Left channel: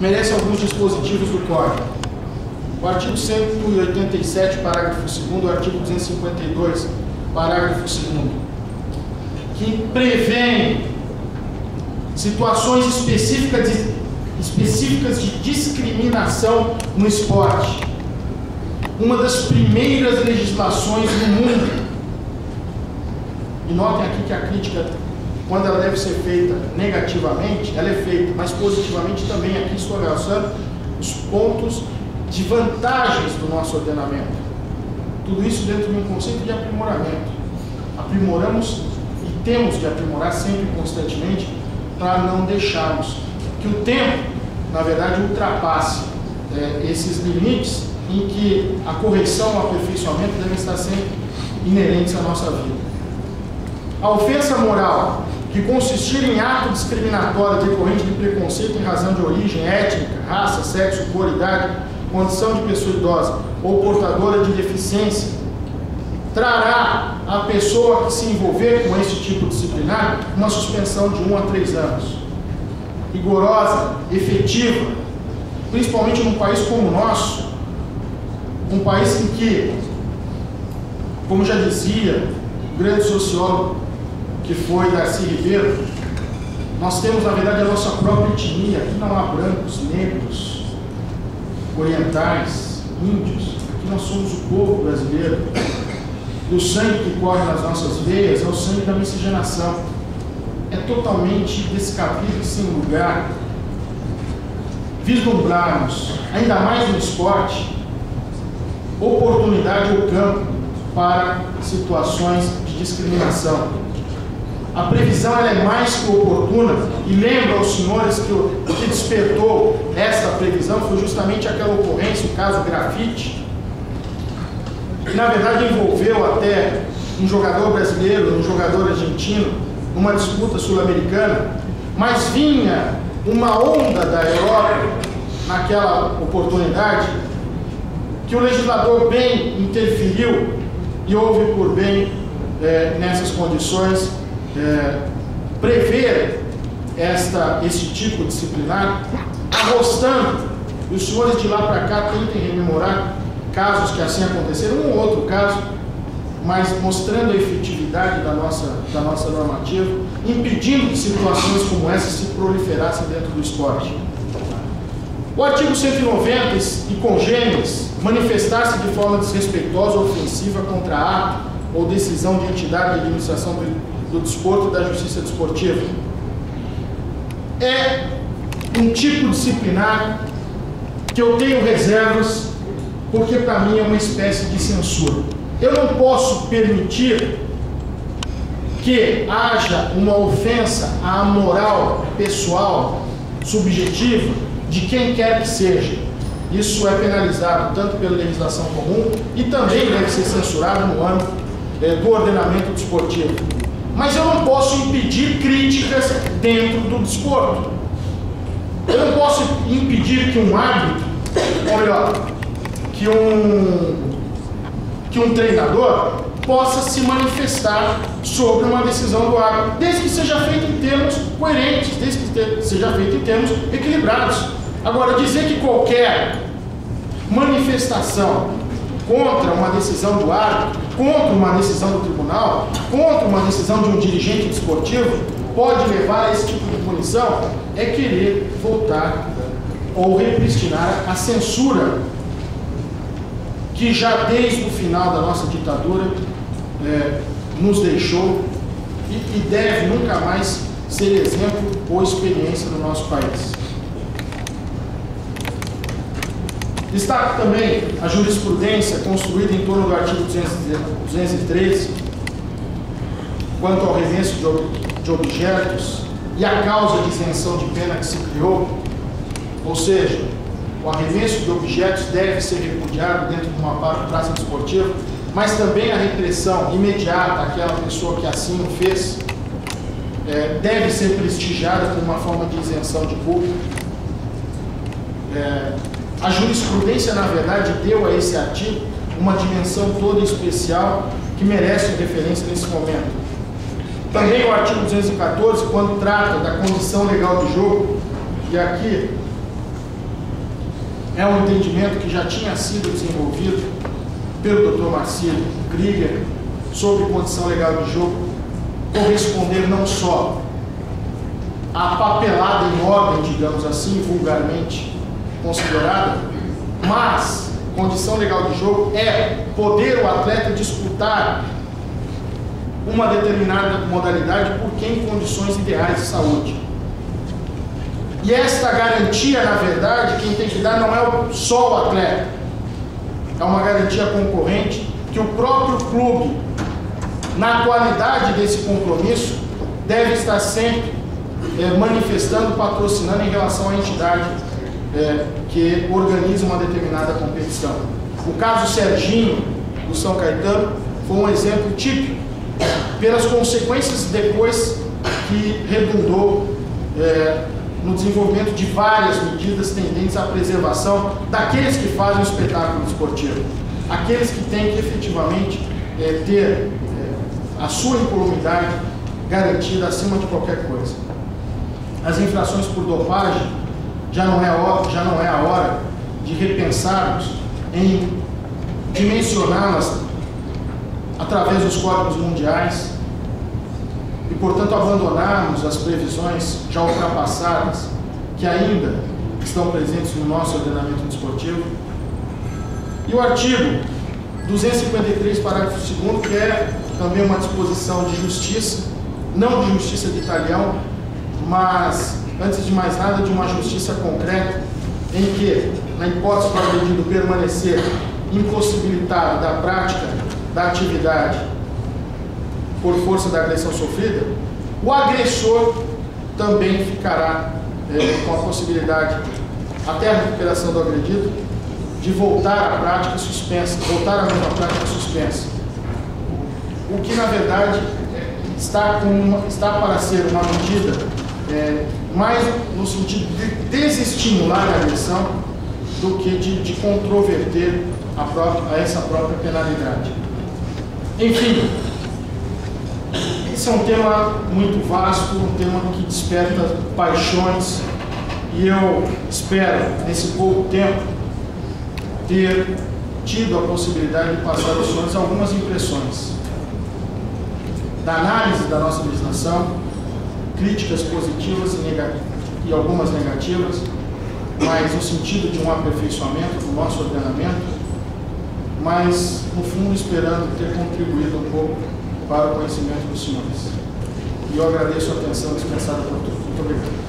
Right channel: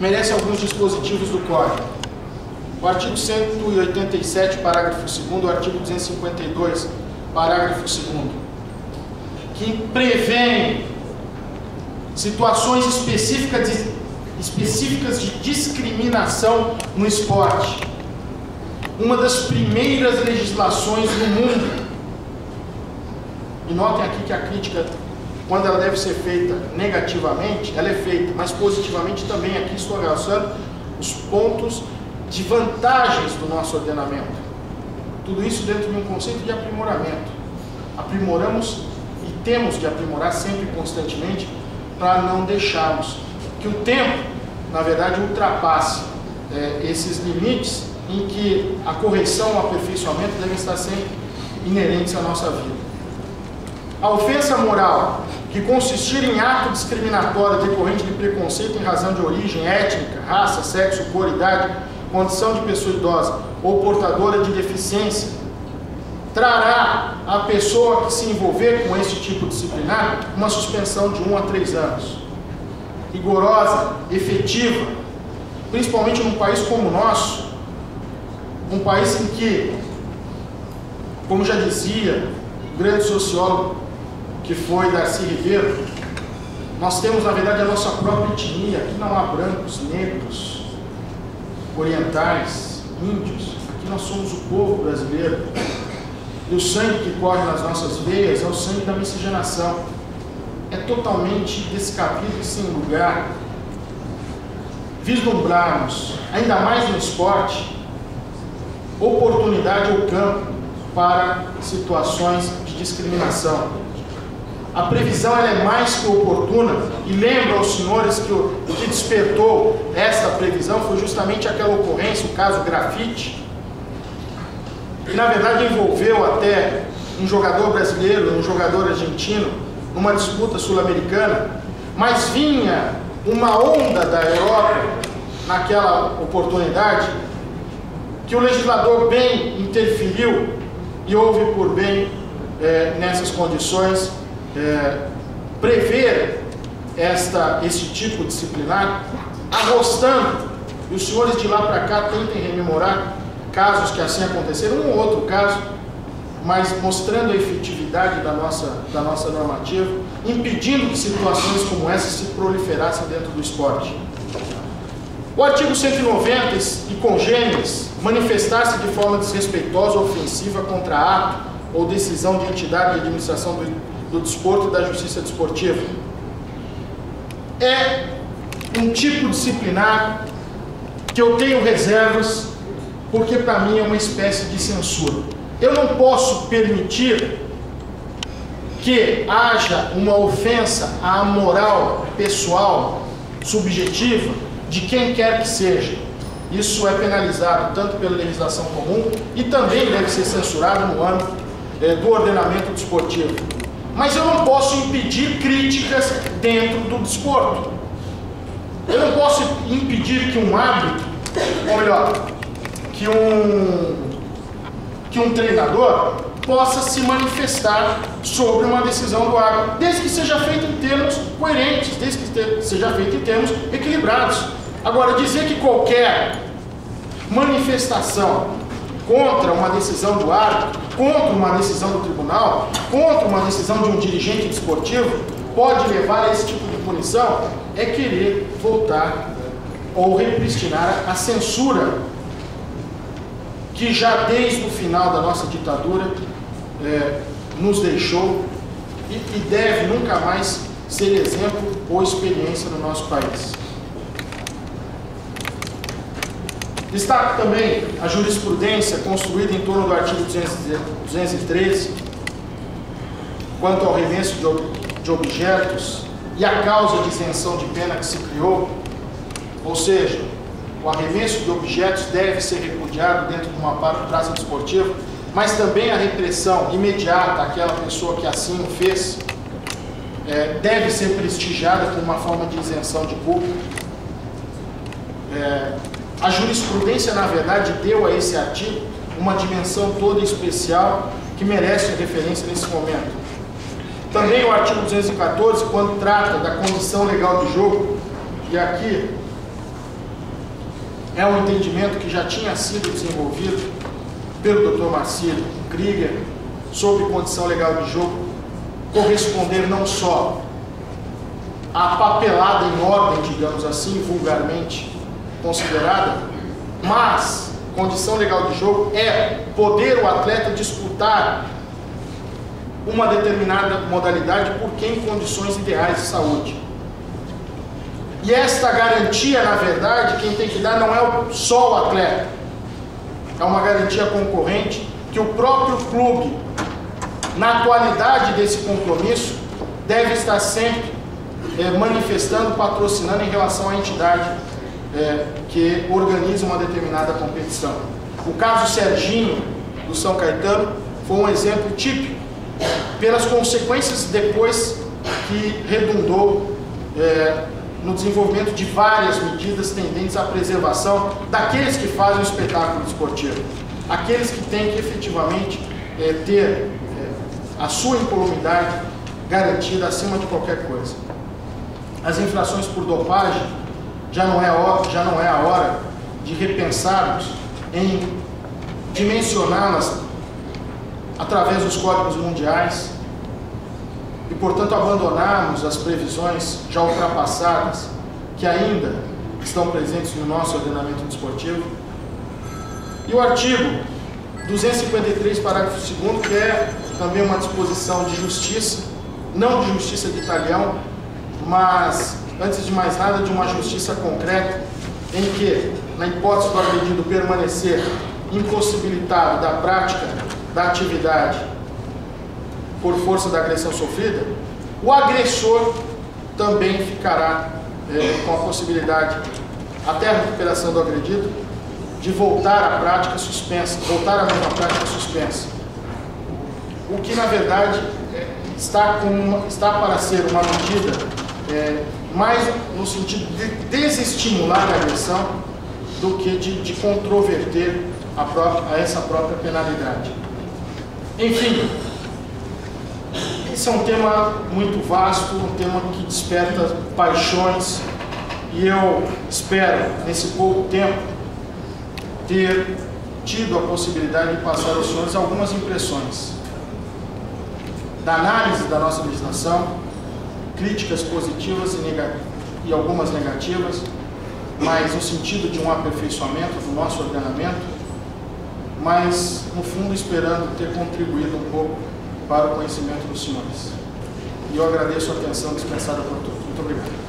merece alguns dispositivos do Código. O artigo 187, parágrafo 2º, o artigo 252, parágrafo 2º, que prevêem situações específicas de discriminação no esporte. Uma das primeiras legislações no mundo. E notem aqui que a crítica, quando ela deve ser feita negativamente, ela é feita, mas positivamente também aqui estou realçando os pontos de vantagens do nosso ordenamento. Tudo isso dentro de um conceito de aprimoramento. Aprimoramos e temos de aprimorar sempre e constantemente para não deixarmos que o tempo, na verdade, ultrapasse esses limites em que a correção, o aperfeiçoamento devem estar sempre inerentes à nossa vida. A ofensa moral, que consistir em ato discriminatório decorrente de preconceito em razão de origem étnica, raça, sexo, cor, idade, condição de pessoa idosa ou portadora de deficiência, trará à pessoa que se envolver com esse tipo disciplinar uma suspensão de 1 a 3 anos. Rigorosa, efetiva, principalmente num país como o nosso, um país em que, como já dizia o grande sociólogo que foi Darcy Ribeiro, nós temos, na verdade, a nossa própria etnia. Aqui não há brancos, negros, orientais, índios. Aqui nós somos o povo brasileiro. E o sangue que corre nas nossas veias é o sangue da miscigenação. É totalmente descabido e sem lugar vislumbrarmos, ainda mais no esporte, oportunidade ou campo para situações de discriminação. A previsão ela é mais que oportuna, e lembro aos senhores que o que despertou esta previsão foi justamente aquela ocorrência, o caso Grafite, que na verdade envolveu até um jogador brasileiro, um jogador argentino, numa disputa sul-americana, mas vinha uma onda da Europa naquela oportunidade, que o legislador bem interferiu e houve por bem, nessas condições, prever esse tipo disciplinar, arrostando, e os senhores de lá para cá tentem rememorar casos que assim aconteceram, um ou outro caso, mas mostrando a efetividade da nossa normativa, impedindo que situações como essa se proliferassem dentro do esporte. O artigo 190 e congêneres, manifestar-se de forma desrespeitosa ou ofensiva contra ato ou decisão de entidade de administração do desporto e da justiça desportiva. É um tipo disciplinar que eu tenho reservas, porque para mim é uma espécie de censura. Eu não posso permitir que haja uma ofensa à moral pessoal, subjetiva, de quem quer que seja. Isso é penalizado tanto pela legislação comum e também deve ser censurado no âmbito do ordenamento desportivo. Mas eu não posso impedir críticas dentro do desporto. Eu não posso impedir que um árbitro, ou melhor, que um treinador possa se manifestar sobre uma decisão do árbitro, desde que seja feito em termos coerentes, desde que seja feito em termos equilibrados. Agora, dizer que qualquer manifestação contra uma decisão do árbitro, contra uma decisão do tribunal, contra uma decisão de um dirigente desportivo, pode levar a esse tipo de punição, é querer voltar ou repristinar a censura que já desde o final da nossa ditadura nos deixou e deve nunca mais ser exemplo ou experiência no nosso país. Destaco também a jurisprudência construída em torno do artigo 213, quanto ao remesso de objetos e a causa de isenção de pena que se criou, ou seja, o arremesso de objetos deve ser repudiado dentro de uma praça desportiva, mas também a repressão imediata àquela pessoa que assim o fez deve ser prestigiada como uma forma de isenção de culpa. A jurisprudência, na verdade, deu a esse artigo uma dimensão toda especial que merece referência nesse momento. Também o artigo 214, quando trata da condição legal do jogo, e aqui é um entendimento que já tinha sido desenvolvido pelo Dr. Marcílio Krieger sobre condição legal de jogo, corresponder não só à papelada em ordem, digamos assim, vulgarmente considerada, mas condição legal de jogo é poder o atleta disputar uma determinada modalidade porque em condições ideais de saúde. E esta garantia, na verdade, quem tem que dar não é só o atleta, é uma garantia concorrente que o próprio clube, na atualidade desse compromisso, deve estar sempre manifestando, patrocinando em relação à entidade que organiza uma determinada competição. O caso Serginho, do São Caetano, foi um exemplo típico, pelas consequências depois que redundou no desenvolvimento de várias medidas tendentes à preservação daqueles que fazem o espetáculo esportivo, aqueles que têm que efetivamente ter a sua incolumidade garantida acima de qualquer coisa. As infrações por dopagem já não é a hora de repensarmos em dimensioná-las através dos códigos mundiais e, portanto, abandonarmos as previsões já ultrapassadas que ainda estão presentes no nosso ordenamento desportivo. E o artigo 253, parágrafo 2º, que é também uma disposição de justiça, não de justiça de talhão, mas, antes de mais nada, de uma justiça concreta, em que, na hipótese do agredido permanecer impossibilitado da prática da atividade por força da agressão sofrida, o agressor também ficará com a possibilidade, até a recuperação do agredido, de voltar à prática suspensa, voltar à mesma prática suspensa. O que, na verdade, está para ser uma medida mais no sentido de desestimular a agressão do que de controverter a essa própria penalidade. Enfim, esse é um tema muito vasto, um tema que desperta paixões, e eu espero, nesse pouco tempo, ter tido a possibilidade de passar aos senhores algumas impressões da análise da nossa legislação, críticas positivas e algumas negativas, mas no sentido de um aperfeiçoamento do nosso ordenamento, mas, no fundo, esperando ter contribuído um pouco para o conhecimento dos senhores. E eu agradeço a atenção dispensada por todos. Muito obrigado.